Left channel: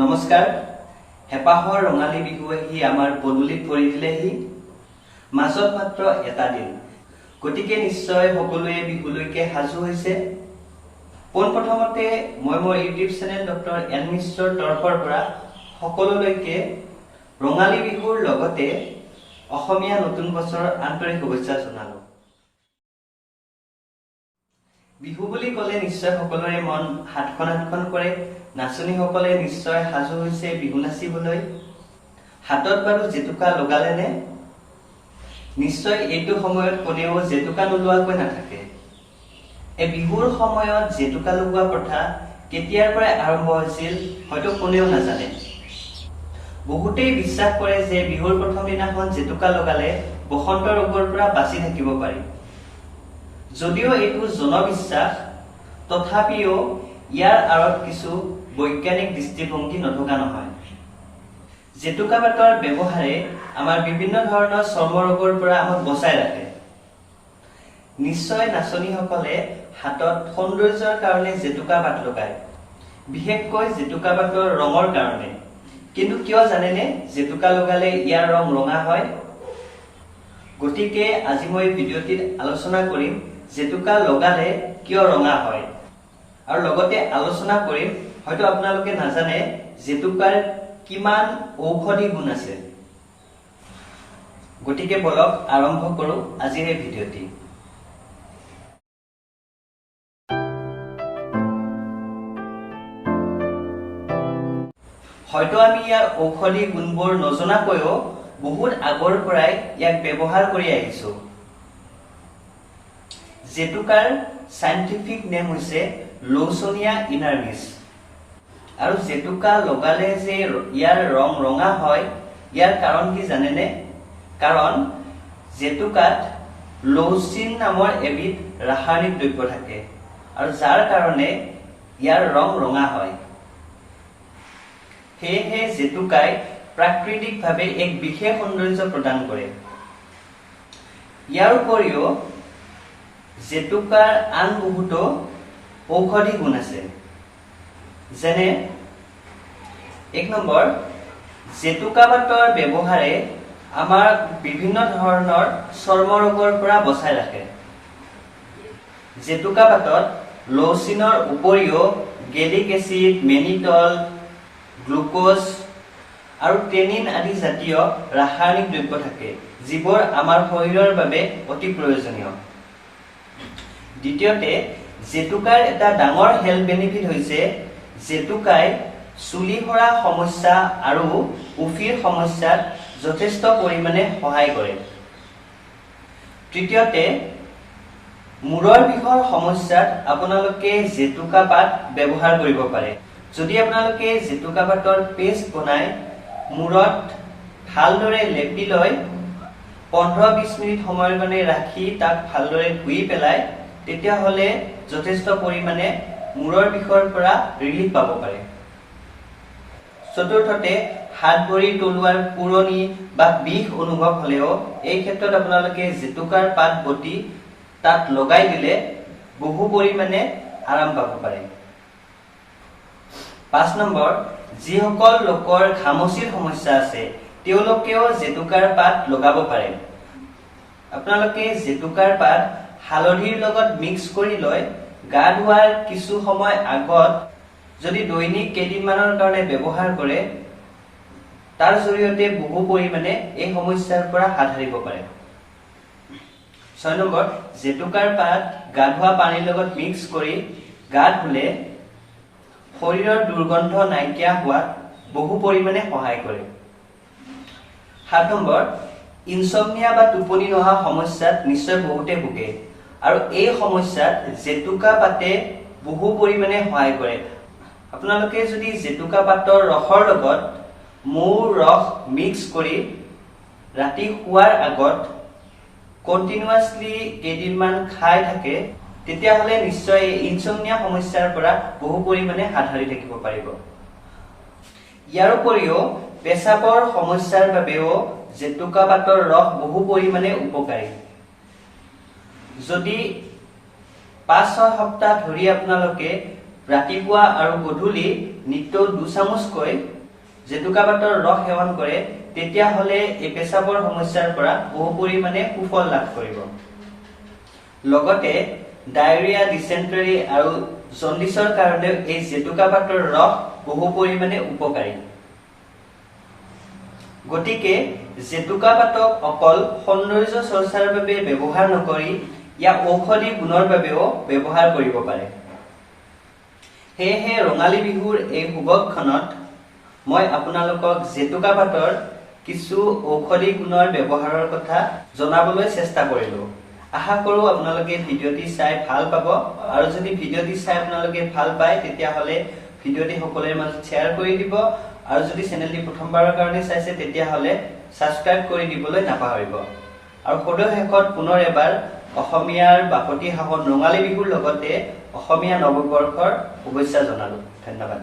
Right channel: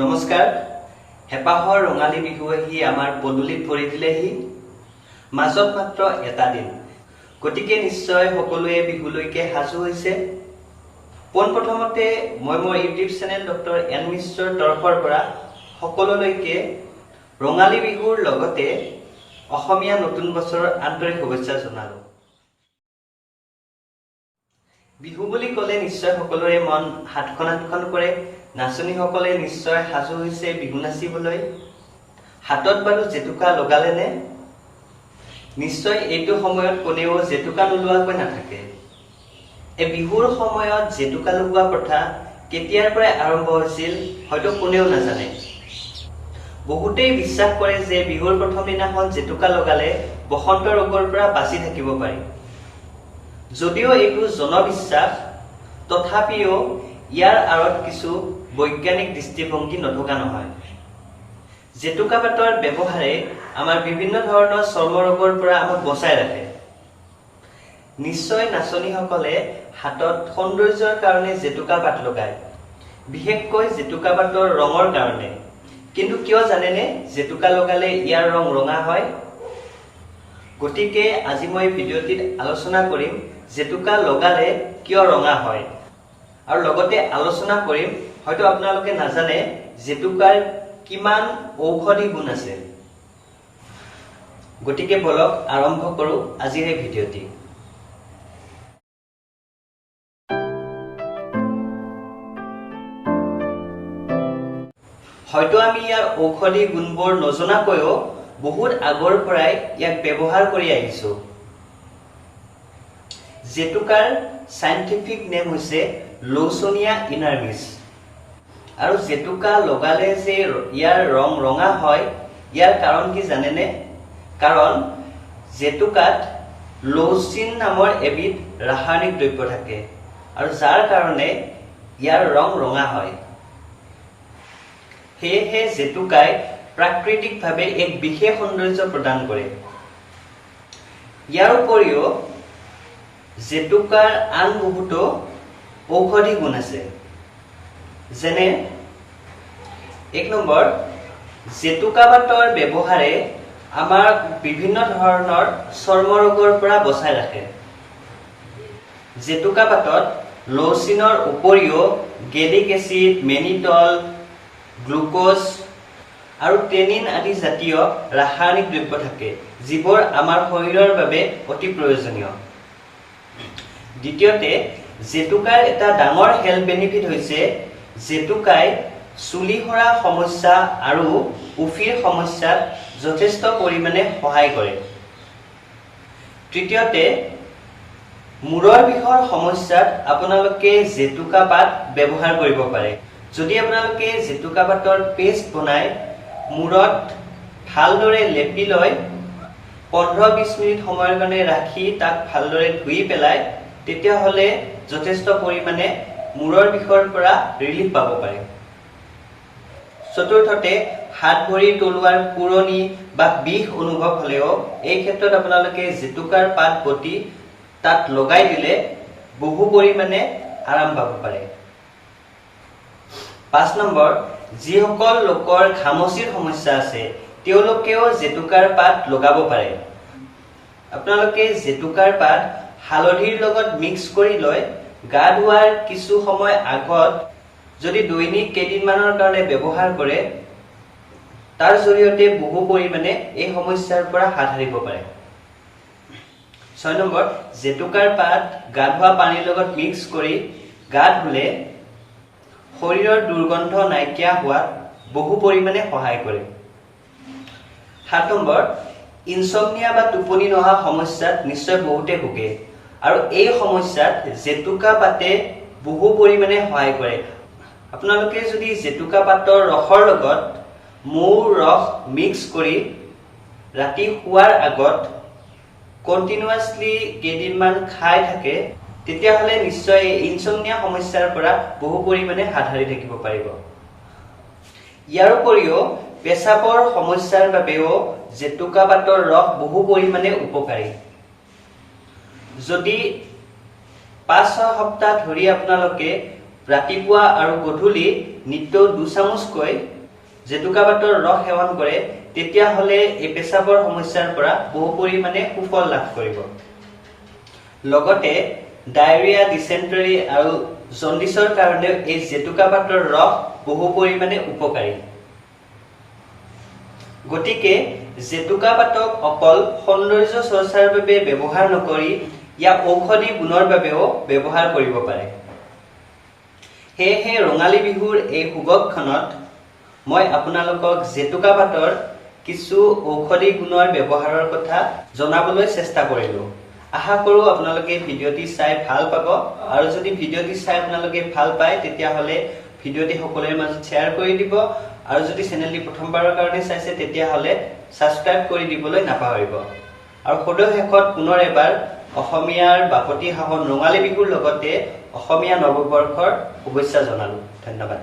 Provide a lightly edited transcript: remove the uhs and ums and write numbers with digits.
নমস্কাৰ। হেপাহৰ ৰঙালী বিহু আহি আমাৰ পদূলিত ভৰি দিলেহি। মাজত মাত্ৰ এটা দিন, গতিকে নিশ্চয় সকলোৱে বিহুলৈকে সাজু হৈছে। পোনপ্ৰথমতে মই মোৰ ইউটিউব চেনেল ডক্টৰ এন মিশ্ৰৰ তৰফৰ পৰা সকলোলৈকে ৰঙালী বিহুৰ লগতে অসমীয়া নতুন বছৰৰ আন্তৰিক শুভেচ্ছা জনালো। বিহু বুলি ক'লে নিশ্চয় সকলোৰে মন হাতখন কৰে। নাচনীসকলে নিশ্চয় সাজু হৈছে বিহু নাচিবলৈ। হাতত বাৰু জেতুকা লগালে নে? নিশ্চয় এইটো সময়ত কোনেও জেতুকা নোলোৱাকৈ নাথাকে। এই বিহুৰ সময়ত জেতুকা লগোৱা প্ৰথা কেতিয়াৰ পৰা আৰম্ভ হৈছিল হয়তো কোনেও নাজানে। বহুতেই বিশ্বাস কৰে যে বিহুৰ প্ৰথম দিনাখন জেতুকা লগালে বসন্ত ৰোগৰ পৰা বাচি থাকিব পাৰি। যদিও এইটো জনবিশ্বাস, তথাপিও ইয়াৰ আঁৰত কিছু বৈজ্ঞানিক দৃষ্টিভংগী নথকা নহয়। জেতুকা পাতৰ ব্যৱহাৰে আমাৰ বিভিন্ন ধৰণৰ চৰ্ম ৰোগৰ পৰা আমাক বচাই ৰাখে। নিশ্চয় নাচনীসকলে হাতত সৌন্দৰ্যৰ কাৰণে জেতুকা পাত লগায়, বিশেষকৈ জেতুকা পাতৰ ৰঙৰ কাৰণে। কিন্তু কিয় জানেনে জেতুকা লগালে ইয়াৰ ৰং ৰঙা হয়? গতিকে আজি মই ভিডিঅ'টিত আলোচনা কৰিম জেতুকা লগালে কিয় ৰঙা হয়, আৰু লগতে আলোচনা কৰিম হয়তো আপোনালোকে নাজানে জেতুকাৰ কিমান ঔষধি গুণ আছে। গতিকে বলক আৰম্ভ কৰোঁ আজিৰ এই ভিডিঅ'টি। হয়তো আমি ইয়াৰ ঔষধি গুণবোৰ নজনাকৈও বহুত আগৰ পৰাই ইয়াক ব্যৱহাৰ কৰি আহিছো। জেতুকাৰ চাইণ্টিফিক নেম হৈছে লৌচনিয়া ইনাৰ্ভিছ। আৰু জেতুকা লগালে যে ইয়াৰ ৰং ৰঙা হয়, ইয়াৰ কাৰণ কি জানেনে? কাৰণ জেতুকাত লৌচিন নামৰ এবিধ ৰাসায়নিক দ্ৰব্য থাকে, আৰু যাৰ কাৰণে ইয়াৰ ৰং ৰঙা হয়। সেয়েহে জেতুকাই প্ৰাকৃতিকভাৱে এক বিশেষ সৌন্দৰ্য প্ৰদান কৰে। ইয়াৰ উপৰিও জেতুকাৰ আন বহুতো ঔষধি গুণ আছে। যেনে 1 নম্বৰ, জেতুকা পাতৰ ব্যৱহাৰে আমাৰ বিভিন্ন ধৰণৰ চৰ্ম ৰোগৰ পৰা বচাই ৰাখে। জেতুকা পাতত লৌচিনৰ উপৰিও গেলিক এচিড, মেনিটল, গ্লুক'জ আৰু টেনিন আদি জাতীয় ৰাসায়নিক দ্ৰব্য থাকে, যিবোৰ আমাৰ শৰীৰৰ বাবে অতি প্ৰয়োজনীয়। দ্বিতীয়তে, জেতুকাৰ এটা ডাঙৰ হেল্থ বেনিফিট হৈছে জেতুকাই চুলি সৰা সমস্যা আৰু উফিৰ সমস্যাত যথেষ্ট পৰিমাণে সহায় কৰে। তৃতীয়তে, মূৰৰ বিষৰ সমস্যাত আপোনালোকে জেতুকা পাত ব্যৱহাৰ কৰিব পাৰে। যদি আপোনালোকে জেতুকা পাতৰ পেষ্ট বনাই মূৰত ভালদৰে লেপি লৈ 15-20 মিনিট সময়ৰ কাৰণে ৰাখি তাক ভালদৰে ধুই পেলাই, তেতিয়াহ'লে যথেষ্ট পৰিমাণে মূৰৰ বিষৰ পৰা ৰিলিফ পাব পাৰে। চতুৰ্থতে, হাত ভৰি তলুৱাৰ পুৰণি বা বিষ অনুভৱ হ'লেও এই ক্ষেত্ৰত আপোনালোকে জেতুকাৰ পাত বটি তাত লগাই দিলে বহু পৰিমাণে আৰাম পাব পাৰে। 5 নম্বৰ, যিসকল লোকৰ ঘামচিৰ সমস্যা আছে তেওঁলোকেও জেতুকাৰ পাত লগাব পাৰে। আপোনালোকে জেতুকাৰ পাত হালধিৰ লগত মিক্স কৰি লৈ গা ধোৱাৰ কিছু সময় আগত যদি দৈনিক কেইদিনমানৰ কাৰণে ব্যৱহাৰ কৰে, তাৰ জৰিয়তে বহু পৰিমাণে এই সমস্যাৰ পৰা হাত সাৰিব পাৰে। 6 নম্বৰ, জেতুকাৰ পাত গা ধোৱা পানীৰ লগত মিক্স কৰি গা ধুলে শৰীৰৰ দুৰ্গন্ধ নাইকিয়া হোৱাত বহু পৰিমাণে সহায় কৰে। 7 নম্বৰ, ইনচমনিয়া বা টোপনি নহা সমস্যাত নিশ্চয় বহুতে ভোগে, আৰু এই সমস্যাত জেতুকা পাতে বহু পৰিমাণে সহায় কৰে। আপোনালোকে যদি জেতুকা পাতৰ ৰসৰ লগত মৌৰ ৰস মিক্স কৰি ৰাতি শোৱাৰ আগত কণ্টিনিউৱাছলি কেইদিনমান খাই থাকে, তেতিয়াহ'লে নিশ্চয় এই ইনচমনিয়া সমস্যাৰ পৰা বহু পৰিমাণে হাত সাৰি থাকিব পাৰিব। ইয়াৰ উপৰিও পেচাবৰ সমস্যাৰ বাবেও জেতুকা পাতৰ ৰস বহু পৰিমাণে উপকাৰী। যদি 5-6 সপ্তাহ ধৰি আপোনালোকে ৰাতিপুৱা আৰু গধূলি নিতৌ 2 চামুচকৈ জেতুকা পাতৰ ৰস সেৱন কৰে তেতিয়াহ'লে এই পেচাবৰ সমস্যাৰ পৰা বহু পৰিমাণে সুফল লাভ কৰিব। লগতে ডায়েৰিয়া, ডিচেণ্ট্ৰি আৰু জণ্ডিছৰ কাৰণে এই জেতুকা পাতৰ ৰস বহু পৰিমাণে উপকাৰী। গতিকে জেতুকা পাতক অকল সৌন্দৰ্য চৰ্চাৰ বাবে ব্যৱহাৰ নকৰি ইয়াক ঔষধি গুণৰ বাবেও ব্যৱহাৰ কৰিব পাৰে। সেয়েহে ৰঙালী বিহুৰ এই শুভক্ষণত মই আপোনালোকক জেতুকা পাতৰ কিছু ঔষধি গুণৰ ব্যৱহাৰৰ কথা জনাবলৈ চেষ্টা কৰিলো। আশা কৰো আপোনালোকে ভিডিঅ'টি চাই ভাল পাব আৰু যদি ভিডিঅ'টি চাই আপোনালোকে ভাল পায় তেতিয়াহ'লে ভিডিঅ'টি সকলোৰে মাজত শ্বেয়াৰ কৰি দিব আৰু যদি চেনেলটি প্ৰথমবাৰৰ কাৰণে চাইছে তেতিয়াহ'লে সাবস্ক্ৰাইব কৰি দিবলৈ নাপাহৰিব। আৰু সদৌ শেষত পুনৰ এবাৰ অসমীয়াৰ বাপতি সাহোন ৰঙালী বিহুৰ লগতে অসমীয়া নৱবৰ্ষৰ শুভেচ্ছা জনালো। ধন্যবাদ।